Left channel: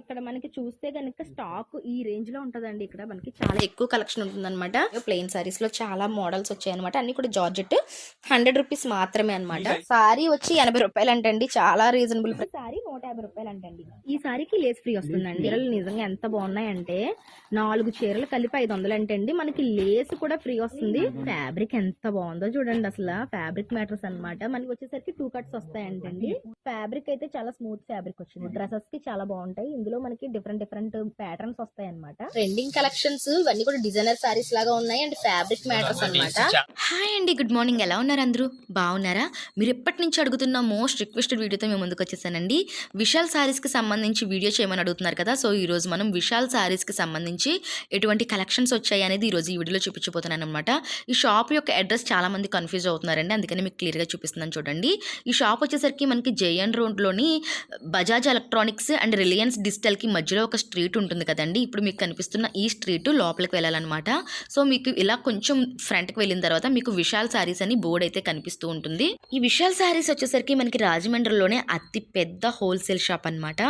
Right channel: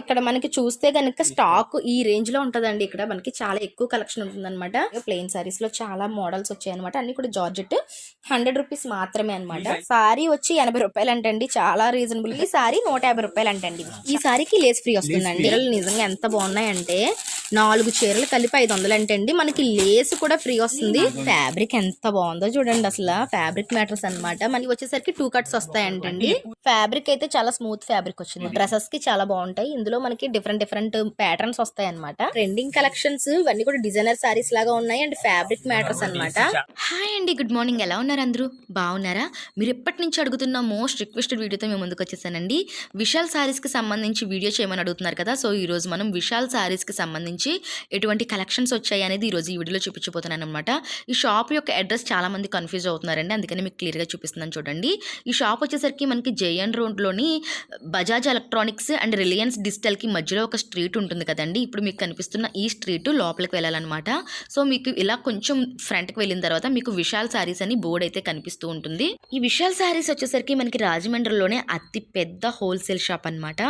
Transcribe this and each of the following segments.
ఇక్కడ మనకి చూస్తే గనుక స్టాక్ ఈ రేంజ్ లో ఉంటదండి. ఇక్కడ మనకి చాలా ఎక్కువ కలెక్షన్ ఉంటుందన్నమాట. ప్లెయిన్ సారీస్ లో చాలా మోడల్స్ వచ్చాయి అనమాట. అన్ని కూడా జార్జెట్ 100 రూపీస్ మాత్రమే అనమాట. సారీ వచ్చి 80 రూపాయలు అంటండి, చాలా రీజనబుల్. ఈ సారీ 150 రూపాయలు అంటండి. ఈ సారీకి లేస్ ఫ్రీ వస్తుందండి. చీరలు నిజంగా ఎంత బాగున్నాయంటే 4 చీరలు కలిపి 500 అంటండి. మనకి లేస్ కూడా ఫ్రీ వస్తుంది. ఫ్యాబ్రిక్ ఎంత బాగుందో చూడండి, అసలు ఫ్యాబ్రిక్ మ్యాటర్స్ అనమాట. మనకి వచ్చేసరికి 2 కట్స్ వస్తాయంటండి. ఫ్యాబ్రిక్ అయితే చాలా స్మూత్ ఫ్యాబ్రిక్ వచ్చింది. డ్రెస్సెస్ కి చాలా బాగుంటాయి. ఇందులో మనకి డిఫరెంట్ ప్యాటర్న్స్ వస్తాయి అనమాట. ట్రెండింగ్ కలెక్షన్స్ ఇవన్నీ కూడా డిజైనర్ సారీస్ లాగా ఉన్నాయి అండ్ ఫ్యాబ్రిక్ మ్యాటర్స్ అనమాట. హాయ్ అండి, గుడ్ మార్నింగ్. ఎలా ఉన్నారు అందరూ? బాగున్నారా? మీరు ఎప్పటి నుంచి అడుగుతున్న మోస్ట్ రిక్వెస్టెడ్ వీడియోతో మేము ముందుకు వచ్చేసానండి. విశాల్ సారీస్ కి సంబంధించి వీడియో చేయమని అడుగుతున్నారు కదా. సో ఈ రోజు మనం విశాల్ సారీస్ కి సంబంధించి ఎటువంటి కలెక్షన్స్ వచ్చాయి అనేది ఈ రోజు ఈ వీడియోలో చూపించబోతున్నాను అనమాట. ఈ షాప్ యొక్క అడ్రస్ చాలా మంది కన్ఫ్యూజ్ అవుతున్నారండి, అందుకని మీకు క్లియర్ గా చూపిస్తున్నాను చూడండి. ఈ షాప్ వచ్చేసరికి మనకి జేఎన్ రోడ్ లోని Bajaj electronics and Reliance digital కి మధ్యలో ఒక స్ట్రీట్ ఉంటుంది కదండి. ఇప్పుడు మీకు కనిపిస్తున్న ఈ స్ట్రీట్ లోపలికి వెళ్ళాలన్నమాట. సో మీకు ఇలా కొంచెం ఫ్రంట్ కి వెళ్ళిన తర్వాత మీకు విశాల్ సారీస్ అని బోర్డు అయితే కనిపిస్తూ ఉంటుంది. ఈ విశాల్ సారీస్ వచ్చేసరికి మనకి రాజమండ్రిలోనే అతి పెద్ద హోల్సేల్ షాప్ అన్నమాట.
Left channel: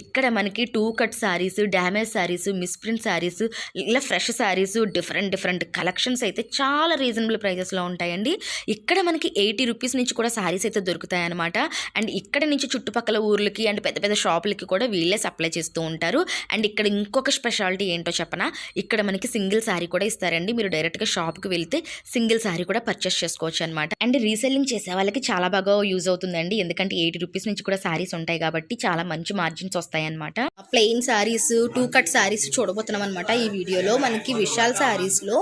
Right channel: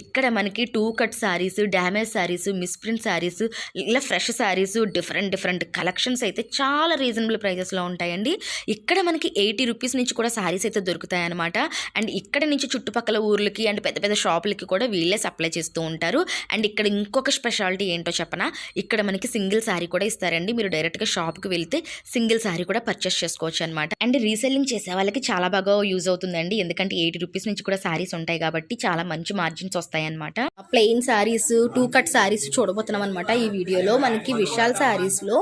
ఇక్కడ మనకి 2 cut saris, damage saris, misprint saris, ఇలా ఫ్రెష్ సారీస్, డిఫరెంట్ కలెక్షన్స్ అయితే చాలా రీజనబుల్ ప్రైజెస్ లో ఉంటాయండి. ఇక్కడ మనకి 80 రూపీస్ నుంచి కూడా సారీస్ అయితే దొరుకుతాయి అనమాట. అండ్ ఇక్కడ నుంచి చుట్టుపక్కల ఊర్లకి అండ్ పెద్ద షాపులకి కూడా వీళ్ళే సప్లై చేస్తూ ఉంటారు. అండ్ ఇక్కడ ఇంకొక స్పెషాలిటీ ఏంటో చెప్పనా, ఇక్కడ మనకి సింగిల్ సారీ కూడా ఇస్తారండి. మీరు డైరెక్ట్ గా షాప్ కి వెళ్తే సింగిల్ సారీ కూడా పర్చేస్ చేసుకోవచ్చు అనమాట. అండ్ రీసెల్లింగ్ చేసే వాళ్ళకి చాలా బాగా యూజ్ అవుతుందండి, ఎందుకంటే 80 రూపీస్ నుంచి కూడా సారీస్ ఉంటాయి కాబట్టి చాలా మంచి మార్జిన్స్ వస్తాయి అనమాట. ప్లెయిన్ సారీస్, 2 కట్ సారీస్ చూడబోతున్నాం అనమాట. ఈ వీడియోలో మనకి విశాల్ సారీస్ లో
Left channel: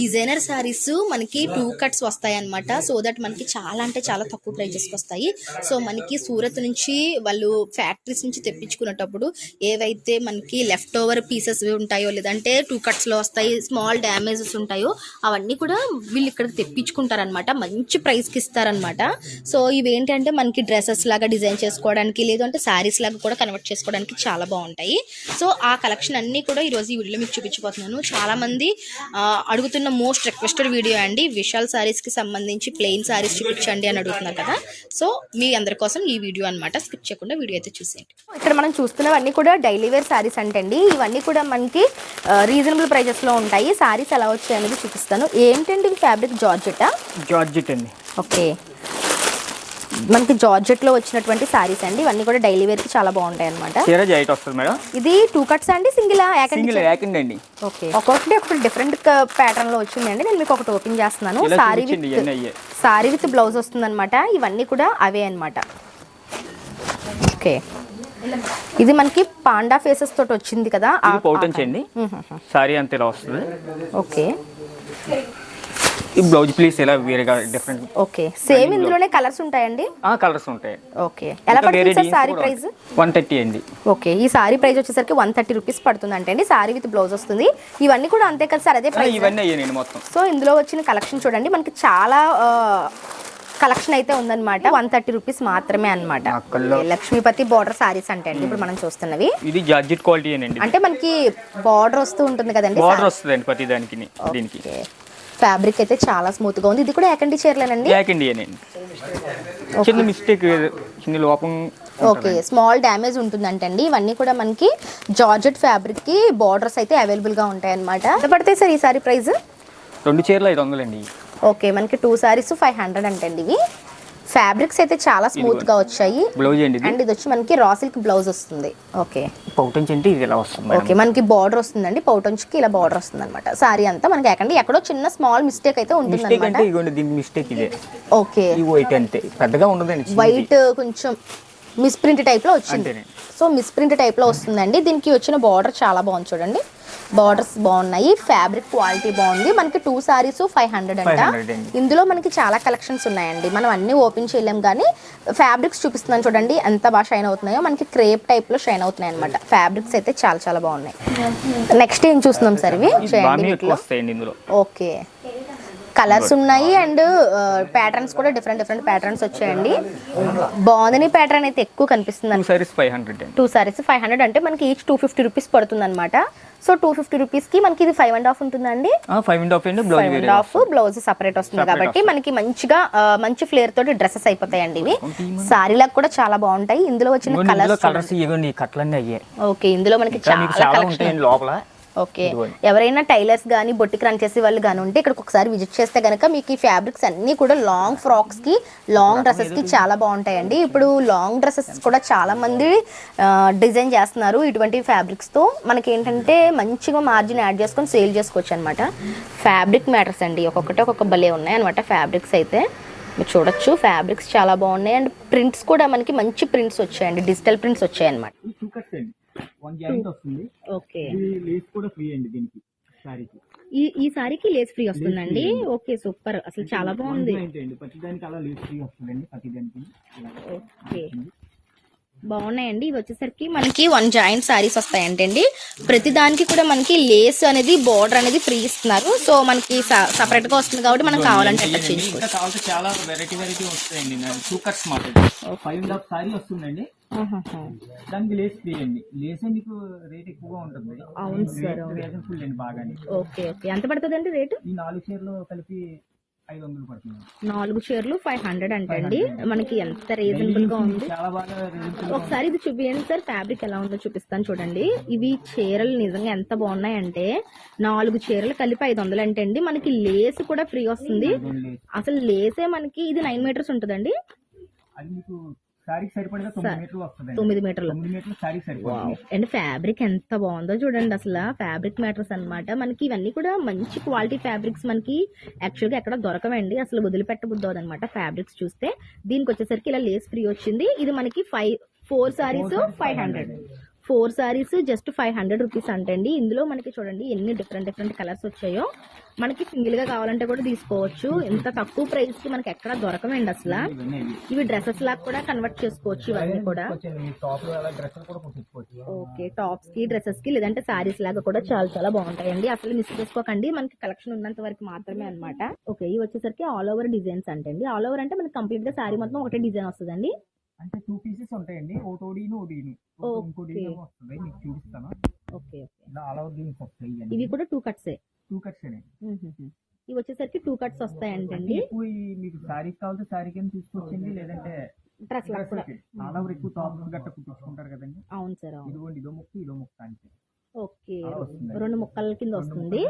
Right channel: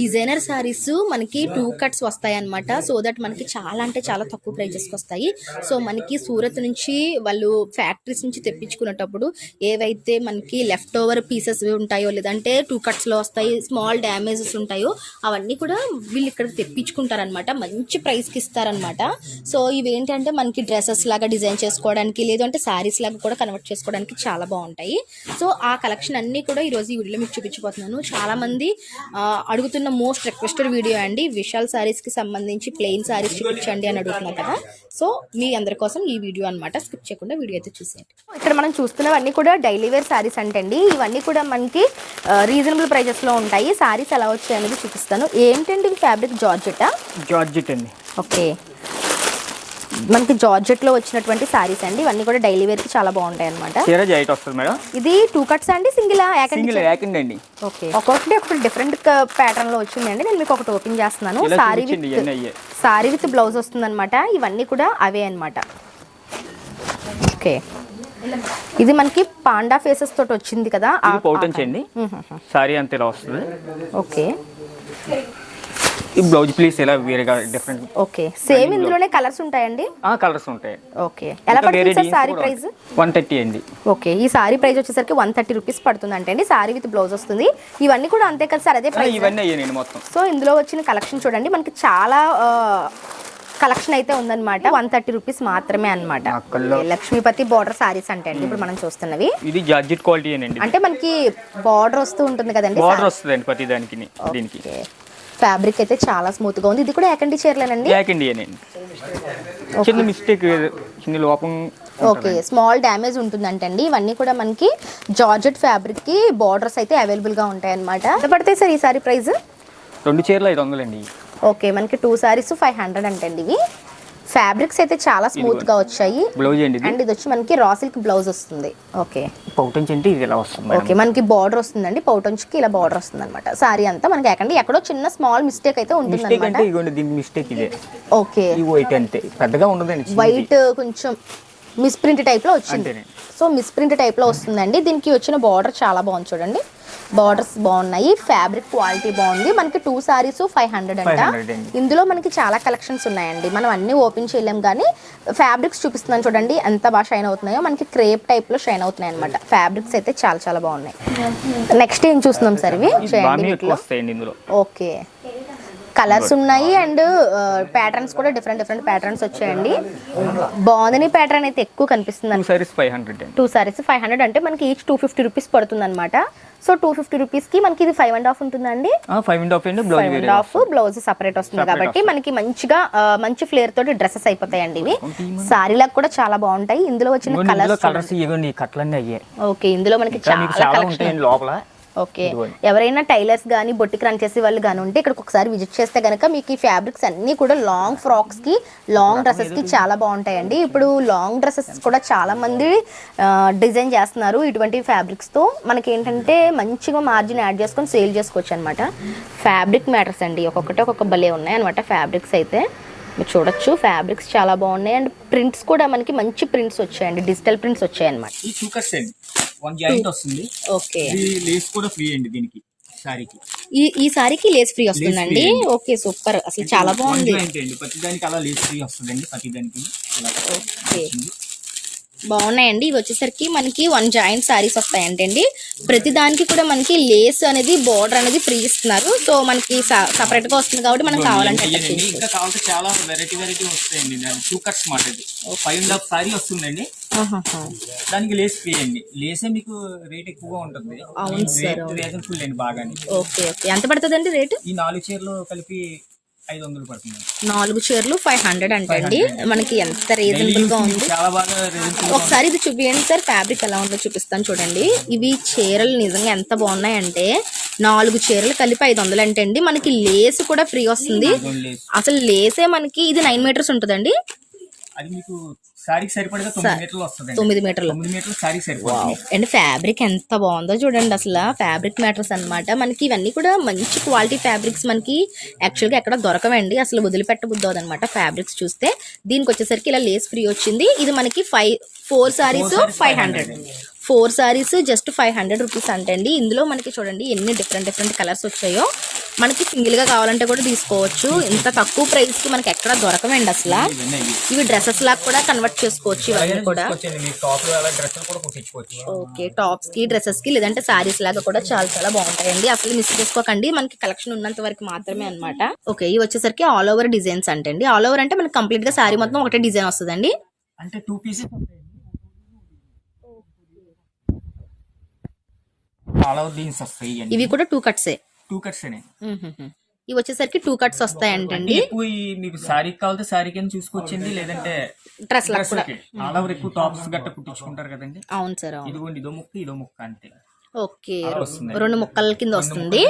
డిజైనర్ సారీస్ మనకి 2 కట్స్ వస్తాయి అనమాట. సో దట్ మనకి చాలా అంటే చాలా తక్కువ ప్రైజెస్ కి వస్తాయి. సో మనకి సూరత్ నుంచి వాళ్ళు ఫ్యాక్టరీస్ నుంచి తెప్పించుకునేటప్పుడు ఏవైతే మనకి లెఫ్ట్ ఓవర్ పీసెస్ ఉంటాయో లేదంటే 2 కట్స్ లో వస్తాయి, స్మాల్ డ్యామేజెస్ ఉంటాయో అవన్నీ కూడా వీళ్ళు ఇక్కడ తెప్పించుకుంటారనమాట. మంచి ప్రైస్ కి ఇస్తారనమాట. సో ఇవేంటంటే మనకి డ్రెస్సెస్ లాగా డిజైన్ చేసుకోవడానికి, లేదంటే సారీస్ లాగా కూడా కన్వర్ట్ చేసుకోవడానికి చాలా బాగుంటాయి. సో ఆ కలెక్షన్ అన్ని కూడా ఈ రోజు ఈ వీడియోలో మీకు చూపించబోతున్నాను. చాలా మంది అడుగుతున్న మోస్ట్ రిక్వెస్టెడ్ వీడియో అండి. విశాల్ సారీస్ కి సంబంధించి ప్లెయిన్ సారీస్ చూపించండి అని అడుగుతున్నారు కదా. సో మీ అందరి కోసం ఈ వీడియో అనమాట. స్కిప్ చేయకుండా వీడియో అయితే చూసేయండి. ఇక్కడ మనం చూస్తున్నవన్నీ కూడా డైలీ వేర్ సారీస్ అంటండి. ఇవన్నీ కూడా మనకి రీజనబుల్ ప్రైజెస్ లో ఉంటాయి. సారీస్ ఎలా వచ్చాయి అనేది చూపిస్తాను. ఏంటండి ఫ్యాబ్రిక్? జార్జెట్ అండి. ఓకే, మనకి జార్జెట్ లో వచ్చినటువంటి సారీస్ అండి. ఇవన్నీ కూడా డైలీ వేర్ కి చాలా బాగుంటాయి అనమాట. ఇది 2 కట్స్ అండి, సింగిల్ అండి? ఓకే, ఒకటి డిఫరెంట్ ప్యాటర్న్ లో వచ్చిందండి. నేను మీకు ఒకటి ఓపెన్ చేస్తున్నాను. సారీ విత్ బ్లౌజ్ వస్తుంది అనమాట. ఇవన్నీ కూడా అవే అనమాట. ఓకే, ఇది మనకి పాండా ఫేసెస్ తోటి వచ్చింది కదా. సారీ అంతే ఇలా వస్తుంది. ఓకే, ఈ బ్లౌజ్ పీస్ ఇలా వేరేగా డిఫరెంట్. ఓకే, సేమ్ ఇందులోనే కలర్స్ ఉంటాయండి? కలర్స్ ఉంటాయి. ఓకే, ఎలా పడుతుంది సార్ సారీ ప్రైస్? 130 అండి. ఓకే, ఈ సారీ ప్రైస్ వచ్చేసరికి 130 రూపీస్ పడుతుంది అంటే సారీ విత్ బ్లౌజ్ వస్తుంది. ఇవన్నీ కూడా అంతే కదా సార్? అదే ప్రైస్? ఇవన్నీ అయ్యానండి మొత్తం. సో ఇందులో వచ్చిన కలెక్షన్ చూడండి, మనకి చాలా కలెక్షన్ అయితే ఉందన్నమాట. 130 రూపీస్ మాత్రమే అనమాట. లక్ష్మీపతి బార్డర్ సారీస్ అంటే అండి ఇప్పుడు మనం చూస్తున్నవి. ఇది జార్జెట్ క్వాలిటీ అంటే మనకి బార్డర్ వస్తూ ఉంటుంది కదండి. బార్డర్ వస్తుందండి ప్రతి దానికి. దీనికి ఫ్యాబ్రిక్ అయితే చాలా స్మూత్ గా ఉంది. ఇది కూడా ఏకండి చీరలేనండి? చిన్న మిస్టేక్, చిన్న లోపం. ఓకే, స్మాల్ డ్యామేజ్ ఉంటుందంటండి. ఇవన్నీ కూడా మనకి జార్జెట్ ఫ్యాబ్రిక్ కి బార్డర్స్ అయితే అవైలబుల్ గా ఉంటాయి అనమాట. ఎంత పడతాయి సార్ ఈ సారీ ప్రైస్? 2 చీరలు 500 అండి. ఓకే, మనకి 2 సారీస్ 500 అంటండి. ఇవి ఫ్యాబ్రిక్స్ అయితే చాలా స్మూత్ గా వచ్చాయి. బ్లౌజ్ అండి, అండ్ ఇది వచ్చి మనకి రా సిల్క్ బ్లౌజ్ వస్తుంది. ఓకే, పౌటంచ్ అంటే ఇది ఇలా వస్తుంది. ఓకే, మనకి బార్డర్ వస్తుందండి. పౌటంచ్ కి ఇలా బార్డర్ వస్తుంది అనమాట. సారీ అంతా మనకి ఎక్కడో చిన్న స్మాల్ మిస్టేక్ అయితే ఉంటుంది అనమాట. ఓకే, వైట్ అంతే పెద్దగా ఉండదండి. వైట్ కొంచెం మిస్ప్రింట్ టైప్ లో వచ్చింది. సో మిస్ప్రింట్ టైప్ లో వస్తుందండి. దీనికి వచ్చిన బార్డర్ చాలా బాగుంది చూడండి. బార్డర్స్ బాగున్నాయి, ఫ్యాబ్రిక్ క్వాలిటీ బాగుంది. మనకి 2 సారీస్ 500 అంట. ఇందులో మనకి చాలా కలెక్షన్స్ ఉన్నాయండి. మనం అన్ని ఓపెన్ చేయలేం, కానీ ఫ్యాబ్రిక్స్ చూపిస్తున్నాను చూడండి ఎంత బాగా షైన్ అవుతున్నాయో. మనకి క్రేప్ టైప్ లో షైన్ అవుతున్నాయి అనమాట. ఫ్యాబ్రిక్స్ అయితే చాలా బాగున్నాయి. నెక్స్ట్ ఏం చూస్తున్నాం సార్? ఇవి చేయండి. ఓకే, కలర్స్ ఉన్నాయి అండ్ ప్యాటర్న్స్ కూడా డిఫరెంట్ ప్యాటర్న్స్ వచ్చాయండి. బాగుందని ప్యాటర్న్ అయితే ఎక్కువ కనిపిస్తుంది అండి. 2 సారీస్ 500 అంటే మనకి ఈచ్ 250 రూపీస్ పడుతుంది అనమాట. సో 250 రూపీస్కి మనకి ఇది 5.5 ఉంటుందండి. 5.5 బ్లౌజ్ సపరేట్ వస్తుంది కాబట్టి మనకి మంచి ఫ్లేర్ తోటి డ్రెస్సెస్ అయిపోతాయండి. ఇవి సారీలకు కూడా చాలా బాగుంటాయి. ఇందులో వచ్చిన కలర్స్ ఓకే, ఇందులో మనకి చాలా కలెక్షన్ లోపల. ఓకే, ఎవరైనా టైలర్స్ కానీ బొట్టికి రన్ చేసే వాళ్ళు కానీ ఉంటే ఇక్కడికి ఒకసారి విజిట్ చేస్తే కనుక మీకు ఈ ఫ్యాబ్రిక్స్ అన్నీ కూడా లాంగ్ ఫ్రాక్స్కి లాంగ్ డ్రెస్సెస్కి చాలా బాగుంటాయండి. ఇప్పుడు లాంగ్ డ్రెస్సెస్ కూడా చాలా మంది డిజైన్ చేస్తున్నారు ఇటువంటి ఫ్యాబ్రిక్స్తో. మనకి ఏంటంటే మంచిగా మార్జిన్ యాడ్ చేసుకొని సేల్ చేసుకోవచ్చు అనమాట. ఫ్యాబ్రిక్ మ్యాటర్స్ అండి, ఒక్కొక్క భలే ఉన్నాయి అనమాట ఫ్యాబ్రిక్స్ అయితే. మీరు చూడొచ్చు ఫ్యాబ్రిక్స్ చాలా బాగున్నాయి అండ్ ప్రింట్స్ కూడా మనకి మంచి ప్రింట్స్ వచ్చాయండి, డిజిటల్ ప్రింట్స్ వచ్చాయి అనమాట. ఓకే, ఈ సారీకి లేస్ ఫ్రీ వస్తుందండి. ఓకే సూపర్, అసలు చాలా బాగుంది. ఓకే బాగున్నాయండి. ఇవి వచ్చేసరికి మనకి 1 జాయింట్ సారీస్ వస్తాయంటండి. ప్రతి దానికి కూడా మనకి లేస్ అనేది బోర్డర్ అనేది ఫ్రీ ఇస్తున్నారు. సో మనకి సపరేట్ గా వస్తుంది కాబట్టి మనం కావాలంటే చాలా వెరైటీ వస్తాయండి. 2 కట్స్ మాట 5.5 సారీ వస్తుందండి. దానికి లేస్ ఫ్రీ అండి. లేసే మీకు రేట్ ఎక్కువగా ఉంటుంది. అవును సార్, రీజనబుల్ అండి బాగా. ఓకే ఎంత పడుతుందండి రేటు? ఈ 4 చీరలు కలిపి 500 పడుతుంది. 4 చీరలు 500 అంటండి. మనకి ఎంత రీజనబుల్ గా ఉంది. ఒకసారి ఇది చూపించండి సార్, ఫ్యాబ్రిక్ ఎలా ఉందో చూపిస్తాను చూడండి. ఇవి చీరలు నిజంగా ఎంత బాగున్నాయంటే 4 చీరలు కలిపి 500 అంటండి. మనకి లేస్ కూడా ఫ్రీ వస్తుంది. అసలు లేసే మనకి ఇది 9 మీటర్స్ ఉంటుందండి. అది మీకు సారీకి సరిపడగా 9 మీటర్లు వస్తుంది. 9 మీటర్లు సారీకి సరిపోతుంది. అండ్ ఫ్యాబ్రిక్ ఎంత బాగుందో చూడండి. అసలు ఫ్యాబ్రిక్ మ్యాటర్స్ అనమాట. మనకి ఇవన్నీ కూడా మంచి క్వాలిటీ ఫ్యాబ్రిక్స్ మనకి యాక్చువల్గా ఎక్కడ దొరకవండి. అసలు వదిలిపెట్టబుద్ది అనమాట ఫ్యాబ్రిక్స్ చూస్తే. దీనికి వచ్చేసరికి ఇలా లేస్ ఫ్రీ వచ్చింది. ఇది మనకి 4 సారీస్ 500. 4 సారీస్ జస్ట్ 500 రూపీస్ అంటండి. ఇందులో మనకి చూడండి ఎన్ని డిఫరెంట్ కలర్స్ వచ్చాయో. మనకి సింగిల్ గా కావాలంటే కూడా తీసుకోవచ్చు. ఇంత తక్కువ ప్రైస్ కి మనకి ఎక్కడ దొరకవండి అసలు. ఇవి డ్రెస్సెస్ లాగా కూడా కన్వర్ట్ చేసుకోవచ్చు. ఇవన్నీ కూడా ఓకే, టాప్స్ కి డ్రెస్సెస్ కి లేదంటే సారీస్ లాగా కూడా చాలా బాగుంటాయండి. అసలు మిస్ చేసుకోకండి, మనకి కలెక్షన్ ఉన్నంత వరకు మాత్రమే అనమాట. ఓకే, ఇవి వచ్చేసరికి ఆల్ ఓవర్ డిజైన్స్ అంటండి. ఆల్ ఓవర్ అంటే మనకి కంప్లీట్ గా సారీ మొత్తం ఒకటే డిజైన్ వస్తుందండి. అంటే 2 పీసెస్ ఉంటాయండి. ఇవి కూడా 2 కట్సే. 2 కట్స్ ఇవి వచ్చేసరికి 2 కట్స్ వస్తాయంటండి. మీకు సారీ కావాలంటే సారీ కింద చూసుకోవచ్చండి, లేదంటే డ్రెస్ కూడా ఆల్ ఓవర్ ఎక్కువ టాప్స్ గట్ట కుట్టించుకుంటారు కదండి. అవును సార్, ఇదిగోండి ఇదో ముక్క అంతే. ఓకే, 2 ముక్కల కింద వస్తుంది.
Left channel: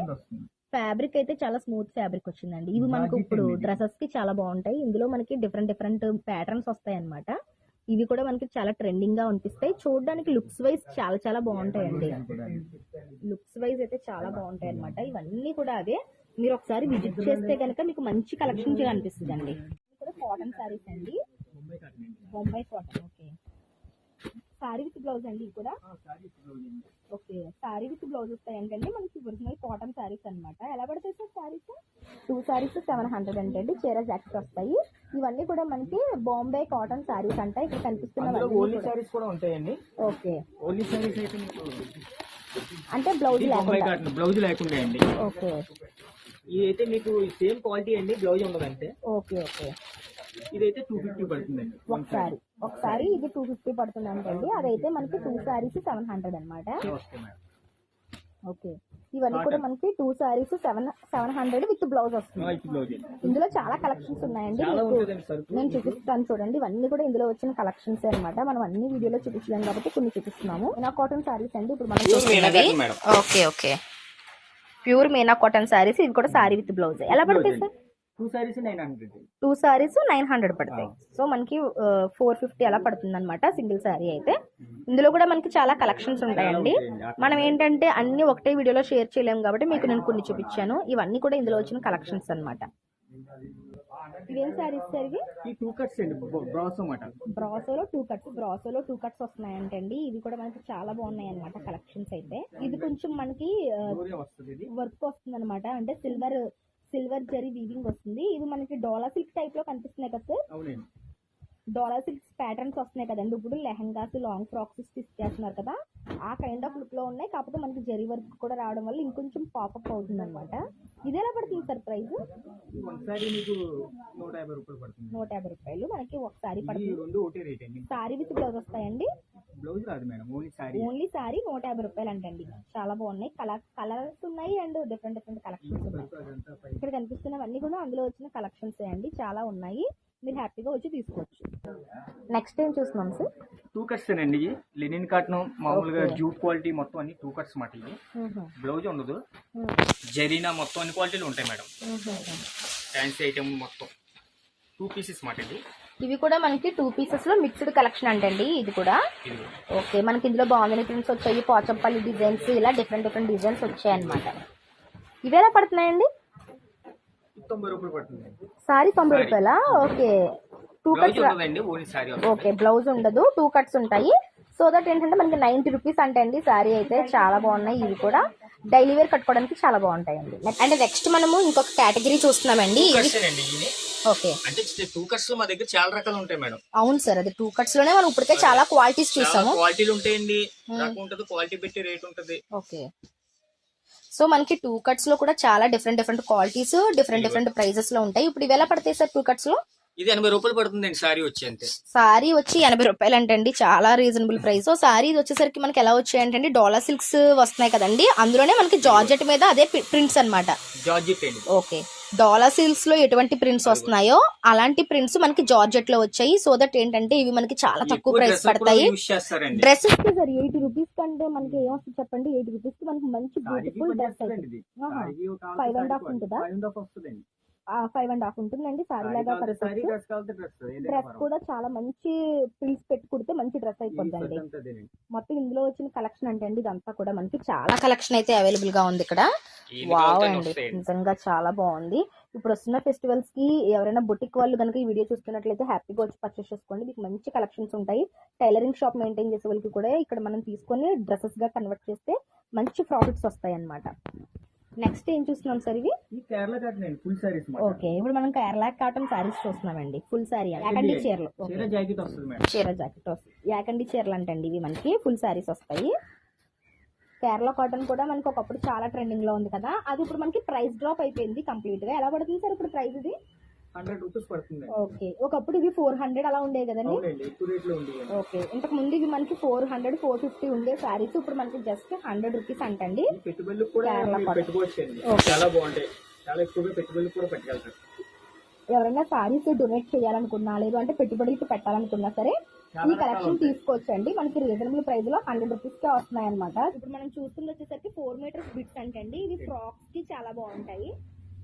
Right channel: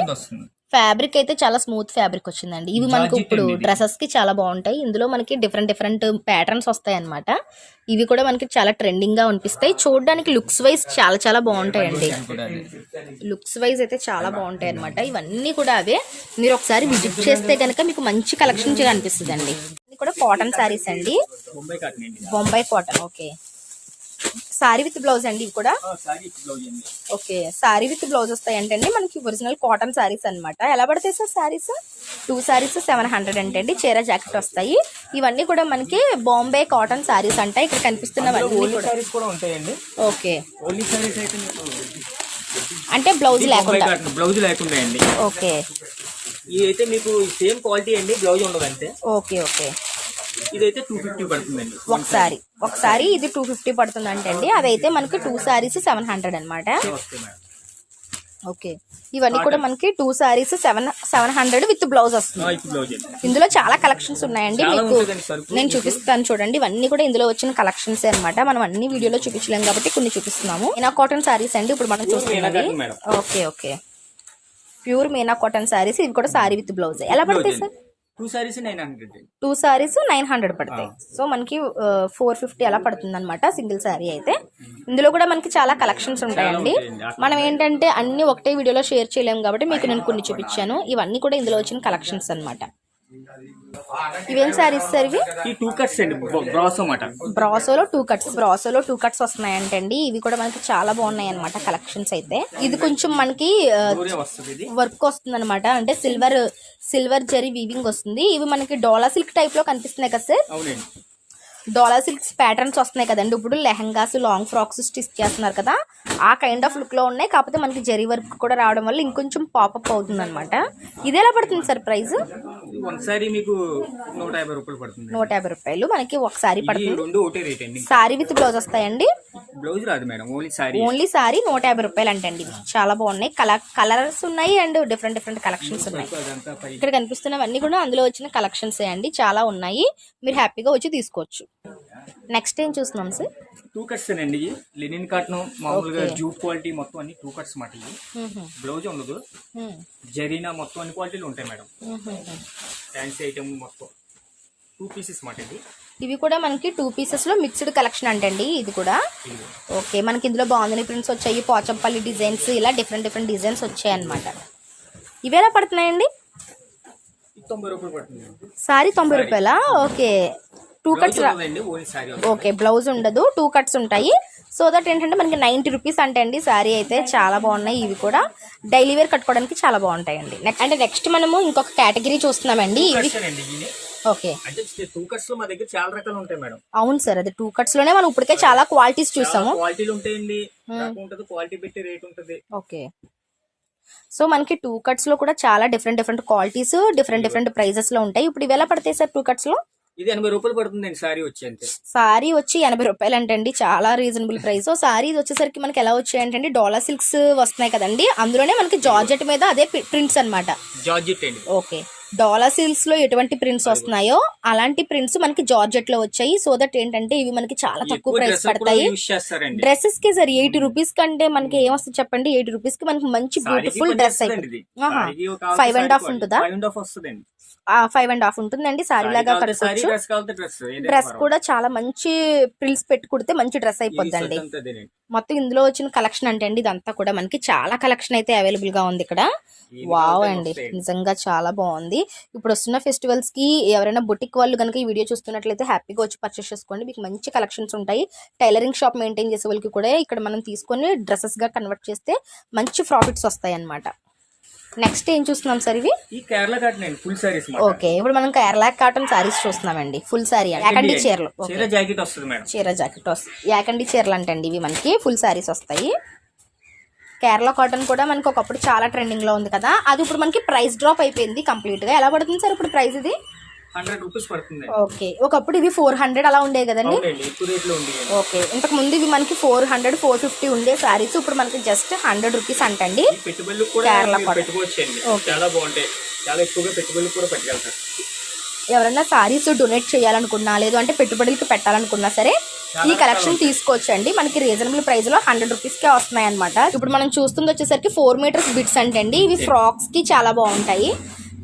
ఫ్యాబ్రిక్ అయితే చాలా స్మూత్ ఫ్యాబ్రిక్ వచ్చిందండి. ఇవి మనకి ఇప్పుడు డ్రెస్సెస్ కి చాలా బాగుంటాయి. ఇందులో మనకి డిఫరెంట్ ప్యాటర్న్స్ వస్తాయి అనమాట. ఇవి కూడా మనకి చాలా ట్రెండింగ్ గా అనిపిస్తాయి. చూడడానికి లుక్స్ వైజ్ చాలా బాగుంటాయండి. లుక్స్ వైజ్ అయితే చాలా బాగుంటాయి అనమాట. ఇవన్నీ కూడా అవే. మీరు ఒకసారి విజిట్ చేస్తే కనుక మీకు మంచి కలెక్షన్ అనిపిస్తుంది అండి. ఇది కూడా కాటన్ సారీస్ అండి, Bombay cotton. Okay, sorry with blouse అండి. ఇవి కూడా ఓకే, సారీ విత్ బ్లౌజ్ వస్తాయి అంటే మనకి ఒరిజినల్ కాటన్ సారీస్ అనమాట. ఎలా పడతాయి సార్ సారీస్? 2 సారీస్ 700 అంటే చీర జాకెట్ వస్తాయి. ఇవన్నీ కూడా మనకి బాంబే కాటన్ సారీస్ అంట. ఇక్కడ కనిపిస్తున్నవన్నీ కూడా ఉంటాయండి. ఓకే, అంటే బ్లౌజ్ లేకుండా అండి. ఓకే, ఇదైతే మీకు సేమ్ క్వాలిటీ అండి, బ్లౌజ్ ఉండదు అంతే. ఓకే, ఇదైతే 250 పడుతుందండి. ఒకసారి ఇది 250 పడుతుంది అంటే అదైతే మనకి 2 సారీస్ 700 అనమాట. ఓకే, ఇవన్నీ కూడా మనకి 2 సారీస్ 700 విత్ బ్లౌజ్ వస్తుంది. ఇందులో చాలా కలెక్షన్స్ ఉన్నాయండి. మీకు నేను చూపిస్తాను చూడండి. ఇవన్నీ కూడా ఇందులో వచ్చిన కలెక్షన్స్ అనమాట. మనం అన్ని వీడియోలో చూపించలేము కాబట్టి కొన్ని చూపిస్తున్నాము. మీనా కాటన్ సారీస్ అండి ఇప్పుడు మనం చూస్తున్నవి. Okay, pure Meena cotton saris. ఇది కూడా సారీ విత్ బ్లౌజ్. ఎలా పడతాయి సార్? 2 సారీస్ 900. 2 సారీస్ 900 పడతాయి. సో మనకి 450 అలా పడుతుంది అనమాట సింగిల్ సారీ అయితే. ఇందులో కూడా మనకి చాలా కలెక్షన్స్ ఉంటాయండి. మనం ఏంటంటే అన్ని ఒకటే వీడియోలో షేర్ చేయలేము కాబట్టి మీకు నేను కొన్ని చూపించాను. ఇవన్నీ కూడా ఇందులో వచ్చిన కలెక్షన్స్ అనమాట. ఇవేం సారీస్ సార్? ఇవి 2 కట్స్ అండి, బ్రాసో మాట. బ్రాసోలో 2 కట్స్ వస్తున్నాయంటండి. ఇవి కూడా మనకి చాలా బాగున్నాయి అనమాట కలెక్షన్స్ అయితే. ఇది కొంచెం మనకి వర్క్ వస్తుంది అనమాట. అంటే సిల్వర్ జరీ వీవింగ్ వస్తుంది. ఇవి మనకి డోలా సిల్క్ టైప్ లో కనిపిస్తున్నాయి కదా సార్? డోలా సిల్క్స్ ప్యాటర్న్స్ వస్తున్నాయి కదండి. ఇప్పుడు లెహంగాస్ లాంగ్ ఫ్రాక్స్ స్టిచ్ చేస్తున్నారు కదా, ఆ కైండ్ ఆఫ్ లుక్ లో ఉన్నాయి. కాకపోతే మనకి జరీ వర్క్ కూడా రావడం వల్ల ఇంకొంచెం పాపప్ అవుతుంది అనమాట. ఇది ఎలా పడుతుంది సార్ ప్రైస్? ఒకసారి మీకు 150 రూపాయలు పడుతుంది. 150 రూపాయలు మనకి ఒకసారి పడుతుంది. రెండు ఒకటే రేట్ అండి. సారీ విత్ బ్లౌజ్ వస్తాయండి? బ్లౌజ్ రాదు మేడం, ఓన్లీ సారీ 150 రూపాయలు అంటండి. ఇవి చాలా బాగున్నాయి, కలర్స్ ఉన్నాయి అండ్ డిఫరెంట్ కలెక్షన్స్ ఉన్నాయి. ఇక్కడ కనిపిస్తున్నవన్నీ కూడా అందులో వచ్చిన కలెక్షన్స్ అండి, చాలా ఉన్నాయి. మీరు హ్యాపీగా వచ్చి తీసుకోవచ్చు. నెక్స్ట్ ఏం చూస్తున్నాం సార్? 2 కట్స్ అండి. లెనిన్ కాటన్ మామూలుగా జూట్ క్వాలిటీ మొత్తం అన్ని 2 కట్స్ మాట. ఇది బ్లౌజ్ ఉండదు, జరీనా మొత్తం అన్ని క్వాలిటీలు ఉంటాయి మేడం. ఫ్యాన్సీ ఐటమ్ మొత్తం 2 పీసెస్ మాట. ఇవి కూడా మనకి 2 పీసెస్ లో మిక్స్డ్ కలెక్షన్ అంటండి. ఇది కూడా ఓకే. మనకి ఇందులో బాగుందని ప్రింట్స్ వచ్చాయి, పోచంపల్లి డిజైన్స్, ఇలా డిఫరెంట్ డిజైన్స్ వచ్చాయి అన్నమాట. ఇవి ఎలా పడుతున్నాయండి? 90 రూపాయలు పడుతుంది. సారీ 90 రూపాయలా? ఓకే. 2 కట్స్ ఓకే, బ్లౌజ్ ఉండదు, 2 కట్స్ ఉంటాయి. సో దట్ ఏంటంటే మనకి 90 రూపీస్ అంటే అండి. సారీ అయితే చాలా బాగున్నాయి. ఇవి కూడా డైలీ వేర్ కట్టుకోవడానికి చాలా బాగుంటాయండి. అంటే నెక్స్ట్ మనము ఇంకొక కేటగిరీ చూస్తున్నామండి. ఓకే, అంటే 2 కట్స్ లో మా దగ్గర చాలా రకాలు ఉంటాయి మేడం. అవును సార్, అది 2 కట్స్ లోనే మనం ఇప్పటికే చాలా క్వాలిటీస్ చూసాము. క్వాలిటీలు ఉంటాయండి, క్వాలిటీ పెట్టి రేట్ ఉంటుంది. ఓకే, సో మనకి 2 కట్స్ లో కూడా చాలా డిఫరెంట్ క్వాలిటీస్, డిఫరెంట్ ప్రైజెస్ లో ఉంటాయి. ఇప్పుడు ఇవి ఎలా పడతాయి సార్ 2 కట్స్ లో? ఇది 80 రూపాయలు పడుతుందండి సారీ వచ్చి. అంతే, సారీ వచ్చి 80 రూపాయలు అంటండి, చాలా రీజనబుల్ ప్రైస్. సో సారీ వచ్చేసరికి మనకి ఎలా వచ్చాయి అంటే డోలా సిల్క్స్ వస్తున్నాయి కదండి, అందులోనే మనకి జార్జెట్ మీద అదే ప్రింట్స్ అన్నమాట. జార్జెట్ అండి. ఓకే, డోలా సిల్క్స్ లో ఎటువంటి ప్రింట్స్ వస్తున్నాయో అలాంటి ప్రింట్స్ మనకి జార్జెట్ లో వచ్చాయి. సో దట్ ఏంటంటే ఇవి మనకి చాలా తక్కువ ప్రైస్ పడతాయి. డ్రెస్సెస్ కి సార్ 80 రూపీస్ కంటే మనకి ఏమొస్తుంది చెప్పండి? 80 రూపీస్ కి మనకి మంచి బ్యూటిఫుల్ డ్రెస్ అయిపోయింది. 5.5 ఉంటుందా? 5.5 ఉంటుందండి. సారీ లాగా కట్టుకోవచ్చు. డ్రెస్ కూడా చాలా మంచి ప్రిల్స్ పెట్టి కుడితే మంచి డ్రెస్ అయిపోద్దండి. మొత్తం ఇందులో వచ్చిన కలెక్షన్ అంటే అండి ఇదంతా కూడా మనకి చాలా కలెక్షన్ అయితే అవైలబుల్ గా ఉంది ఇక్కడ. వావ్ అండి, నిజంగా చాలా బాగుంది. ఇప్పుడు వస్తున్న ఫెస్టివల్స్ కి ఎవరైనా బుటిక్ వాళ్ళు కనుక ఈ వీడియో చూస్తున్నట్లయితే హ్యాపీగా వచ్చి పర్చేస్ చేసుకోండి. మీకు మంచి కలెక్షన్స్ ఉంటాయి. టైలరింగ్ షాప్ మెయింటైన్ చేసే వాళ్ళకి కూడా ఇక్కడ మనం తీసుకొని డ్రెస్సెస్ గా కన్వర్ట్ చేస్తే మంచి ప్రాఫిట్స్ వస్తాయి అన్నమాట. నెక్స్ట్ ఏం చూస్తున్నాం సార్? ఇవి Kerala cotton full saris. Okay, ఇప్పుడు మనం కేరళ కాటన్ సారీస్ చూస్తున్నామండి. ఫుల్ సారీ యాకండి చీరలు, చీర జాకెట్ వస్తుంది మేడం. చీర జాకెట్ వస్తుంది, యాకండి చీరలు అంటండి. ఇవి మనకి ఫుల్ సారీస్ వస్తాయి. కేరళ కాటన్ కూడా మనకి ఒకప్పుడు చాలా ట్రెండింగ్ లో ఉంది కదా, అది ఇప్పుడు మనకి ప్రైస్ డ్రాప్ అయిపోయింది కంప్లీట్ గా. ఎలా పడుతుంది సార్ ఇప్పుడు ప్రైస్? ఇది 100 రూపీస్ పడుతుంది. ఓకే, ఒకప్పుడు ఇవి 400 అలా ఉండే కదండి. ఓకే, ఇంతకు ముందు ఇవి మనకి 400, 450 ఉండే సారీస్ ఇప్పుడు మనకి జస్ట్ 100 రూపీస్ అంటండి. కేరళ చాలా బాగుంటాయి, చాలా ఎక్కువగా పెట్టుబడులు కూడా పెట్టగలుగుతారు. ఎవరైనా సారీస్ డొనేట్ చేయాలనుకున్నా, లేదు అంటే పెట్టుబడులకి పెట్టాలనుకున్నా సరే ఈ కలెక్షన్ తీసుకోవచ్చండి. మనకి రీజనబుల్ ప్రైస్ లో 100 రూపీస్ కే వస్తున్నాయి అనమాట. ఇప్పుడు మనం చూస్తుంది వచ్చేసరికి 4 మీటర్స్ బిట్స్ అంటండి. ఇవి ఫ్రాక్స్ కి చాలా బాగుంటాయి.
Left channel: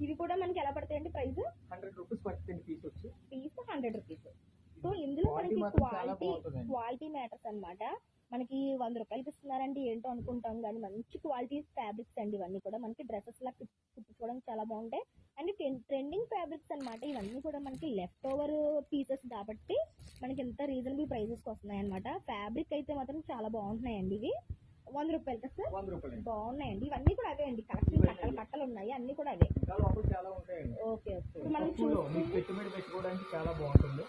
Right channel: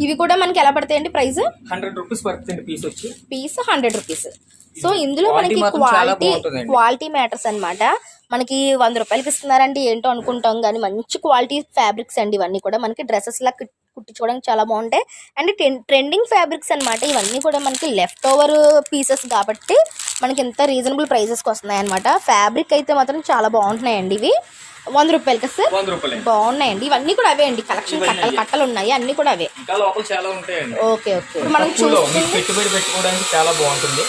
ఇవి కూడా మనకి ఎలా పడతాయండి ప్రైస్? 100 రూపీస్ పడుతుంది పీస్ వచ్చి. Piece 100 rupees. సో ఇందులో మనకి క్వాలిటీ మ్యాటర్స్ అన్నమాట. మనకి 100 రూపాయలకి ఇస్తున్నారండి ఏంటో అనుకుంటాం, కానీ మంచి క్వాలిటీ ఫ్యాబ్రిక్స్ అండి. ఇవన్నీ కూడా మనకి డ్రెస్సెస్ లా కుట్టించుకోవడానికి చాలా బాగుంటాయి. అండ్ ట్రెండింగ్ ఫ్యాబ్రిక్స్ అన్నమాట. ఇవన్నీ కూడా మనకి లెఫ్ట్ ఓవర్ పీసెస్ కాబట్టి మనకి ఎంత రీజనబుల్ ప్రైజెస్కి వస్తున్నాయి అనమాట. ఫ్యాబ్రిక్ అయితే మాత్రం చాలా బాగుంటున్నాయండి. ఇవి 100 రూపాయలకి సార్ బాగున్నాయండి. ఇవన్నీ కూడా అవే అండి, కలెక్షన్ కట్టలు ఉన్నాయి, అన్ని కూడా అవే. ఓకే ఓకే, ఇప్పుడు మనం పెట్టుబడి పెట్టుకోవడానికి చాలా బాగుంటుంది.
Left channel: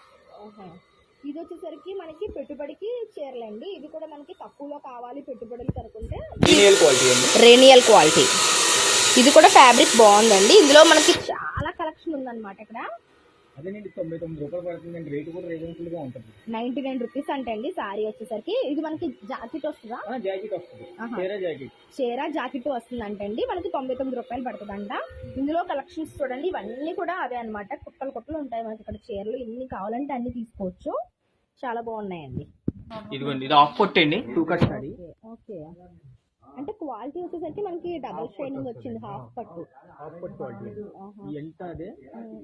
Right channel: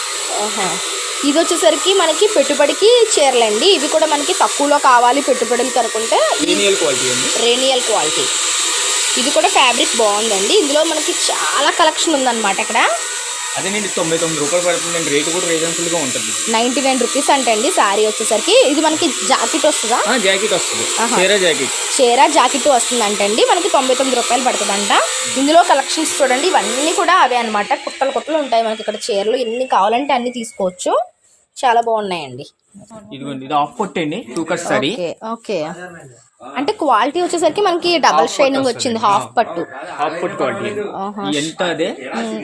ఇది వచ్చేసరికి మనకి పెట్టుబడికి చీరలండి. ఇవి కూడా మనకి తక్కువలో కావాలి పెట్టుబడులు కనుకుంటే రేనియల్ క్వాలిటీ. ఇది కూడా ఫ్యాబ్రిక్ బాగుందండి. ఇందులో మనకి చాలా కలెక్షన్ ఉందన్నమాట. ఇక్కడ అదేనండి 99 రూపాయలు పడుతుందండి. రేటు కూడా రీజనబుల్ గా ఉంటుంది. 99 రూపీస్ అంటే అండి సారీ వచ్చేసరికి. ఇది మనకి జాకెట్ వస్తుందా? జాకెట్ వస్తుంది, చీర జాకెట్ వస్తుంది అంటండి. మనకి 99 రూపాయలు పడుతుందంట. ఇందులో కలెక్షన్స్ చూడండి, ఇవన్నీ కూడా అవే అనమాట. కుట్టలు ఉంటాయి మనకి ఇక్కడ చీరలు. ఎన్ని కావాలంటే అన్ని తీసుకోవచ్చు, చాలా బాగున్నాయండి. ఇదిగోండి, ఇది హాఫ్ పట్టు అండి, 2 కట్ సారీ. ఓకే, అంటే క్వాలిటీ వచ్చేసరికి మనకి డబల్ షైనింగ్ వచ్చింది. హాఫ్ పట్టు క్వాలిటీ ఎంత అదే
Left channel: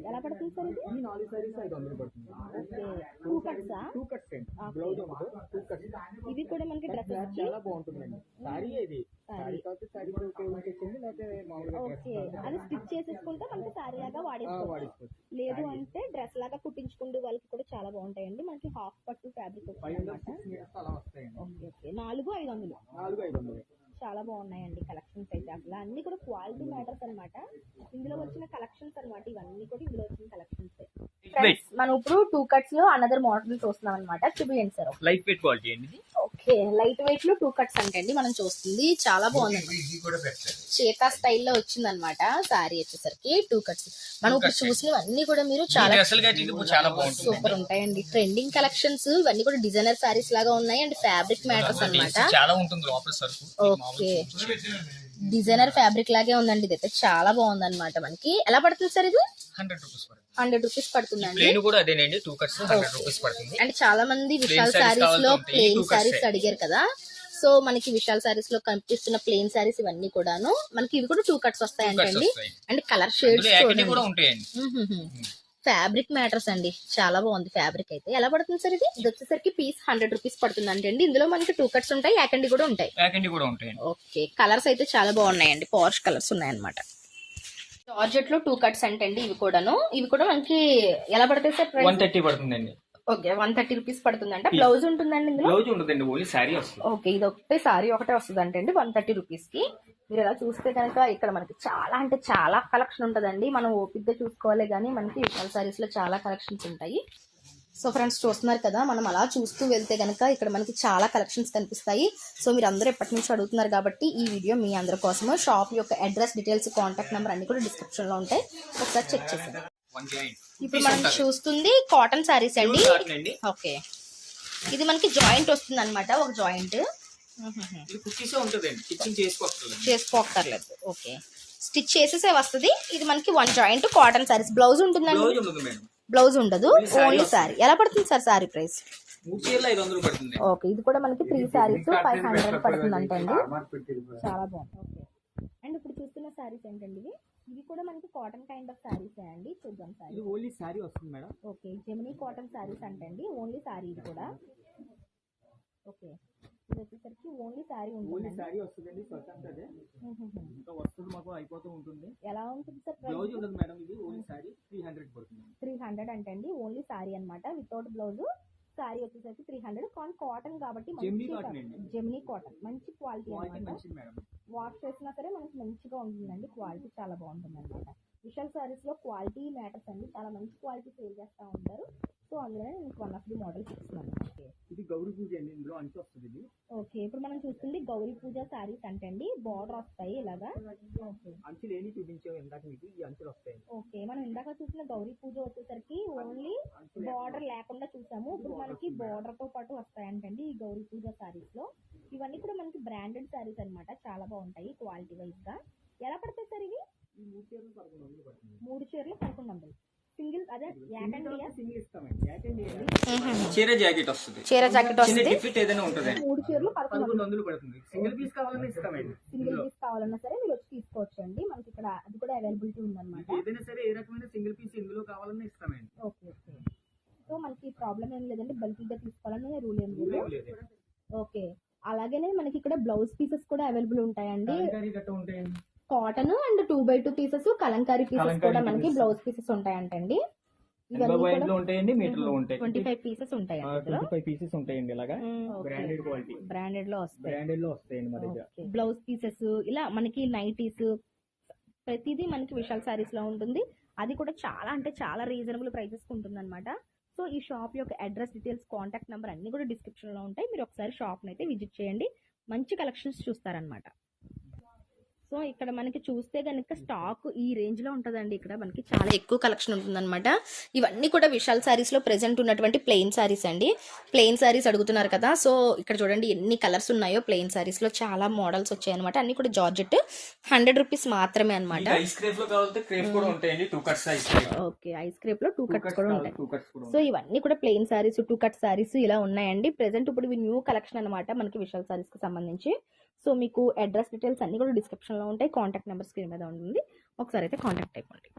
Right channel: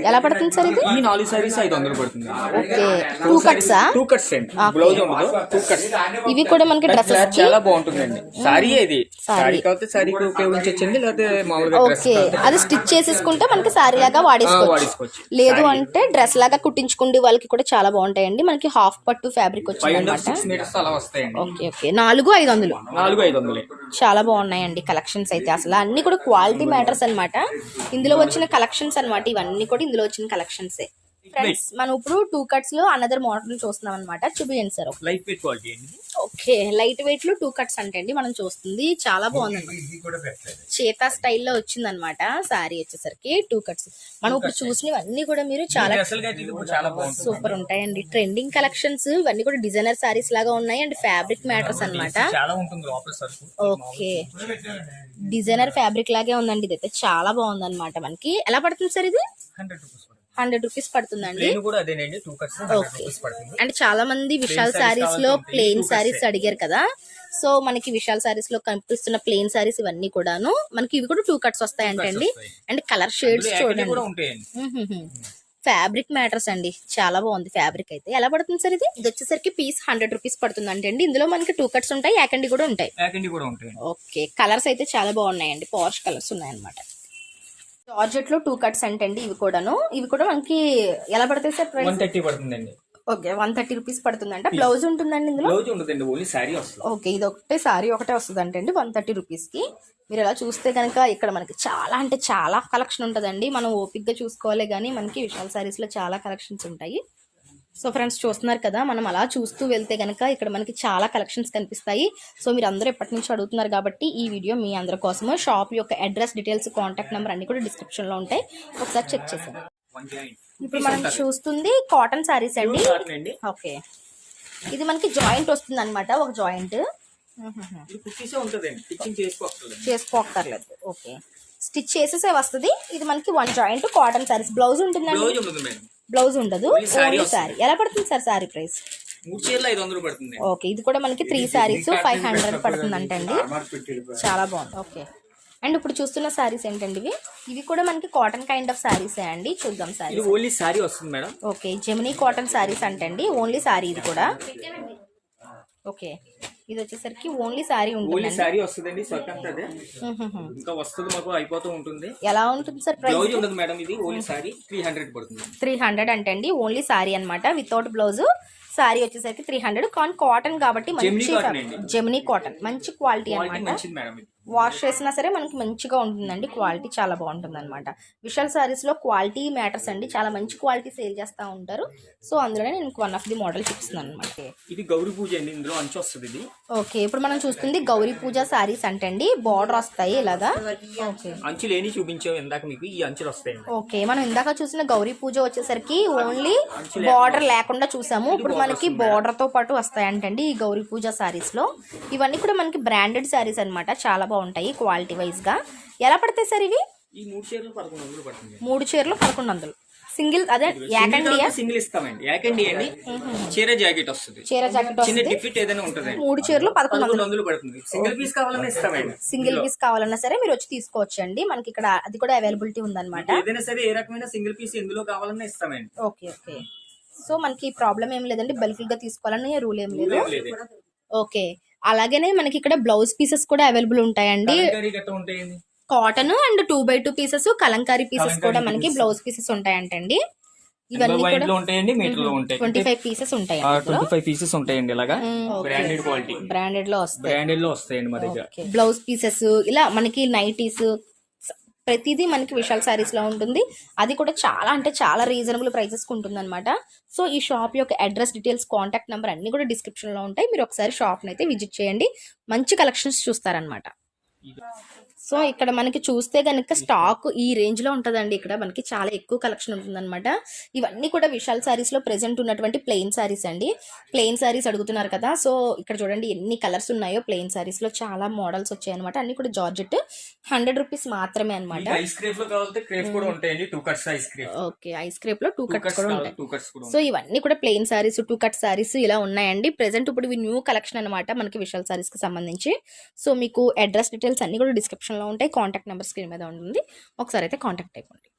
ఎలా పడుతుంది సార్? ఇది 4 సారీస్ 500 పడుతుంది. ఓకే, 2 కట్సా? 2 కట్స్ అండి, బ్లౌజ్ ఉండదు, 2 కట్స్. ఇవి కూడా మనకి డ్రెస్సెస్ కి చాలా బాగుంటుందండి. సారీ ఇది సారీ కాబట్టి సారీకి ఉపయోగించొచ్చండి, లేకపోతే మామూలుగా డ్రెస్ అది స్టిచ్ చేసేసుకుంటే మనకి సారీ లాగా వాడేసుకోవచ్చు. లేదు అంటే డ్రెస్ లాగా కుట్టించుకుంటే వాళ్ళకి కూడా చాలా బాగుంటాయండి. మనకి హాఫ్ పట్టు ఫ్యాబ్రిక్ వచ్చింది అన్నమాట. 6 మీటర్స్ అలా వస్తాయండి. Okay okay, 4,500. 4,500 చాలా బాగున్నాయండి కలెక్షన్స్ అయితే. అసలు అన్ని కూడా క్వాలిటీ మ్యాటర్స్ అన్నమాట. ఇందులో వచ్చిన కలెక్షన్స్ అన్నమాట. ఇవన్నీ కూడా ఇందులో వచ్చిన కలెక్షన్సే. ఫ్రెండ్స్ మనం ఇప్పుడు 2 కట్స్ లో అనదర్ మోడల్ చూస్తున్నాం అన్నమాట. చూపించండి సార్. లైట్ వెయిట్ క్వాలిటీ అండి. ఓకే, లైట్ వెయిట్ లో 2 కట్స్ అంటే అండి మనం చూస్తుంది చాలా బాగుంది. చేతా స్టైల్లో వచ్చింది అనమాట సారీ వచ్చేసరికి 2 కట్స్. మనం ఇప్పుడు చూసినవన్నీ కూడా మీరు చాలా చాలా బాగుంటుంది. సూపర్ ఉంటాయండి. ట్రెండింగ్ కలెక్షన్స్ ఇవన్నీ కూడా డిజైనర్ సారీస్ లాగా ఉన్నాయి అండ్ ఫ్యాబ్రిక్ మ్యాటర్స్ అన్నమాట. చాలా ఉంటుంది లోపల సరుకు. ఓకే, డిజైనర్ ఫ్యాబ్రిక్ లాగే ఉందండి. ఇదైతే చాలా బాగుంది అనమాట. మనకి ఎలా పడుతుంది సార్ ఇది? 100 రూపీస్ 100 రూపీస్ పడుతుందండి. ప్లేన్ కూడా అదేనండి 2 కట్స్ 100 రూపీస్ పడుతుంది. అండ్ చాలా మంది విశాల్ సారీస్ లో ప్లెయిన్ సారీస్ అడిగారు కదా, సో మనకి విశాల్ సారీస్ లో కనిపిస్తున్న ప్లెయిన్ సారీస్ ఇవన్నీ కూడాను మనకి ఇవి కూడా 2 కట్స్ వస్తాయంటండి. అండ్ కలర్ షేడ్స్ చూడండి, ఫ్యాబ్రిక్ మ్యాటర్స్ అండి. చాలా బాగుంది ఫ్యాబ్రిక్ అయితే. ఎలా పడుతుంది సార్ ఇది? ఇది వచ్చేసరికి పీస్ 100 రూపీస్ పడుతుంది అంటే అండి. ఇందులో మనకి 2 కట్స్ ఉంటాయి, యాకండి కూడా ఉంటాయి. ఓకే, కలర్స్ అయితే చాలా బాగున్నాయండి, పాష్ కలర్స్ ఉన్నాయన్నమాట. జార్జెట్ లో 2 కట్స్ అంటే అండి ఇవి కూడాను. ఇవి కూడా మనకి ఎలా పడతాయి సార్? 130 పడుతుందండి. ఓకే, 130 రూపీస్ పడుతుందంట. బ్లౌజ్ ఉంటుందండి ఇందులో? బ్లౌజ్ ఉండదండి, ఓన్లీ సారీ వస్తుంది. ఓకే, ఇది ఒకటే సారీ ఒకటే వస్తుంది అంటే అండి 130 రూపీస్ కి. మీరు ఎలా చూస్తే కనుక ఇక్కడ మనకి చాలా అంటే చాలా కలెక్షన్ ఉంటుందండి. మనం ఓపిక్ గా చూసుకోవాలి కానీ మనకి విశాల్ సారీస్ లో చాలా కలెక్షన్స్ ఉంటాయి. సో ఫ్రెండ్స్ చూస్తున్నారు కదా, మనం అలా చూస్తూ వెళ్తే కనుక ఇక్కడ మనకి చాలా కలెక్షన్స్ కనిపిస్తాయి. సో మీరు అందరూ ఎప్పటి నుంచి అడుగుతున్నారు కాబట్టి ఈ వీడియో మీ అందరి కోసము. షాప్ యొక్క అడ్రస్ డీటెయిల్స్ కాంటాక్ట్ నెంబర్ అన్ని కూడా డిస్క్రిప్షన్ లో ఉంటాయి, ఒకసారి చెక్ చేసేయండి. ఇప్పుడు మనం చూస్తుంది కాటన్ సారీస్ అండి. ఓకే, ఇది మనకి జాయింట్ వస్తుంది అనమాట, ఒక జాయింట్ చేసుకోక్కర్లేదు. ఓకే, స్టిచ్ చేసేసే వస్తుంది. ఇది మనకి 1 జాయింట్ కాటన్ సారీస్. బ్లౌజ్ ఉంటుందండి? బ్లౌజ్ ఉండదు, ఓన్లీ సారీ. ఎలా పడుతుంది సార్ సారీ ప్రైస్? 3 చీరలు 500 పడుతుంది. ఓకే, ఇది కూడా మనకి 3 సారీస్ 500 పడుతుంది అంటండి. చాలా బాగుంది. ఓకే, అండ్ ఇప్పుడు చూస్తున్న సారీస్ ఏంటండి ఇవి? ఇవి కూడా మనకి కాటన్ కైండ్ ఆఫ్ సారీస్ అండి. చూద్దాం సారీ. ఓన్లీ సారీ వస్తుంది madam. Okay, Gemini cotton saris అంటండి, ఓన్లీ సారీ ఇది కూడా. ఓకే, ఇది వచ్చేసరికి ఓన్లీ సారీ ఉంటుంది. ఓన్లీ సారీ వస్తుందండి, సొంతందే ఇంకా వస్తుంది, మాకు అయిపోతూ ఉంటుంది. ఎలా ఉంటుంది సార్ ప్రైస్? బ్లౌజ్ ఉండదు మేడం, ఇది ఓన్లీ సారీ 300 పడుతుంది. 300 అంటే అండి ఓన్లీ సారీ అన్నమాట, వితౌట్ బ్లౌజ్. సారీ వచ్చేసరికి 300. కాటన్ కాబట్టి మంచి జెమినీ కాటన్, మంచి క్వాలిటీ అన్నమాట. వాష్ చేసినా సరే మనకి మంచిగా ఉంటుందండి, క్వాలిటీ చాలా బాగుంటుంది అనమాట. విశాల్ సారీస్ లో క్వాలిటీ మ్యాటర్స్ అండి, చాలా మంచి క్వాలిటీ సేల్ చేస్తూ ఉంటారు. సో అందులోనే నేను 1 ఆఫ్ ది మోడల్ చూపిస్తున్నాను అనమాట. ఇది గౌరీ పూజ అండి, ఇందులో అంచు వస్తుంది ఇది. ఓకే, ఇప్పుడు మనం చూస్తుంది గౌరీ పూజ సారీస్ అంటే అండి, బార్డర్ వస్తాయి ఇలాగా. ఓకే, అంచు లేని చూపించాం ఇందాక మీకు, ఈ అంచులు వస్తాయి. ఓకే, మనం ఇందాక చూసిన గౌరీ పూజ వచ్చేసరికి ఓన్లీ బార్డర్ లేకుండా చూసాము. ఇప్పుడు మనకి బార్డర్ తో పాటు వస్తాయి అంటండి ఈ గౌరీ పూజ సారీస్ లో. ఇవన్నీ కూడా మనకి బ్రాండెడ్ సారీస్ అనమాట, చాలా బాగుంటాయి క్వాలిటీ వైజ్ గా. ఎలా పడతాయి సార్ ఇవి? ఈ 3 చీరలు 1100 పడుతుంది. 3 చీరలు 1100 సింగిల్. అదే యాకండియా? సింగిల్ ఇస్తామండి, యాకండి అండి. చీర జాకెట్ వస్తుంది, చీర జాకెట్ వస్తుంది, డిఫిట్ ఏదైనా ఉంటుంది. 3 చీరలు 1100 పడుతుంది. సింగిల్ పీస్ కావాలన్నా ఇస్తామండి. సింగిల్ పీస్ కావాలన్నా సరే మీరు వచ్చి తీసుకోవచ్చు అండి, మనకి ఇక్కడ అది కూడా అవైలబిలిటీ ఉందన్నమాట. ఏదైనా సరే ఏ రకమైన సింగిల్ పీస్ ఎందులో కావాలన్నా ఇస్తామండి. ఓకే ఓకే, సో మనకి ప్రాబ్లం ఏం లేదండి, బల్క్ గా తీసుకోవాలని రూల్ ఏం లేదు. ఓకే, అలాగనే మనకి ఇక్కడ బ్లౌజ్ పీసెస్ కూడా అవైలబుల్ ఉంటాయండి. Cotton and 2x2 pieces, Kalamkari pieces కూడా మనకి బ్లౌజ్ పీసెస్ ఉంటాయంటండి. ఇవన్నీ కూడా 25 పీసెస్ ఉంటాయి. 25 పీసెస్ ఉంటాయండి ఇలాగా. బ్రాండెడ్ క్వాలిటీ, బ్రాండెడ్ లో వస్తాయండి మా దగ్గర. బ్లౌజ్ పీసెస్ ఇలా మనకి నైటీస్ ప్రతిదీ మనకి విశాల్ సారీస్ లో ఉంటుంది. అది కూడా చాలా అంటే చాలా రీజనబుల్ ప్రైసెస్ ఉంటుంది అనమాట. సో ఈ షాప్ యొక్క అడ్రస్ డీటెయిల్స్ కాంటాక్ట్ నెంబర్ అన్ని కూడా డిస్క్రిప్షన్ లో ఉంటాయి, మీరు ఒకసారి షాప్ అయితే విజిట్ చేయండి, మంచి కలెక్షన్స్ చూస్తారనమాట. సో ఇక్కడ మనకి చూస్తే కనుక స్టాక్ ఈ రేంజ్ లో ఉంటుందండి. ఇక్కడ మనకి చాలా ఎక్కువ కలెక్షన్ ఉంటుందన్నమాట. ఇవన్నీ కూడా విశాల్ సారీస్ లో ప్రెసెంట్ ఉన్నటువంటి ప్లెయిన్ సారీస్ అండి. ప్లెయిన్ సారీస్ అడుగుతున్నారు కదా, సో ఇక్కడ చూడండి ఎన్ని కలర్స్ ఉన్నాయో. ప్లెయిన్ సారీస్ లో చాలా మోడల్స్ వచ్చాయి అనమాట. అన్ని కూడా జార్జెట్ 100 రూపీస్ మాత్రమే అనమాట. ఓకే, ఐస్ క్రేప్ లో 2 కట్స్ కూడా ఉంటాయి. సో ఇవన్నీ కూడా ప్లెయిన్ సారీస్, 2 కట్ సారీస్ ఇలా ఉన్నాయండి. ప్రెసెంట్ ఇప్పుడు ఇవి న్యూ కలెక్షన్ అనమాట మనకి విశాల్ సారీస్ కి సంబంధించి. సో మీకు అడ్రస్ డీటెయిల్స్ అన్ని కూడా డిస్క్రిప్షన్ లో ఉంటాయి, కాంటాక్ట్ నెంబర్ స్క్రీన్ మీద ఉంటుంది, ఒకసారి అయితే కాంటాక్ట్ అయిపోండి.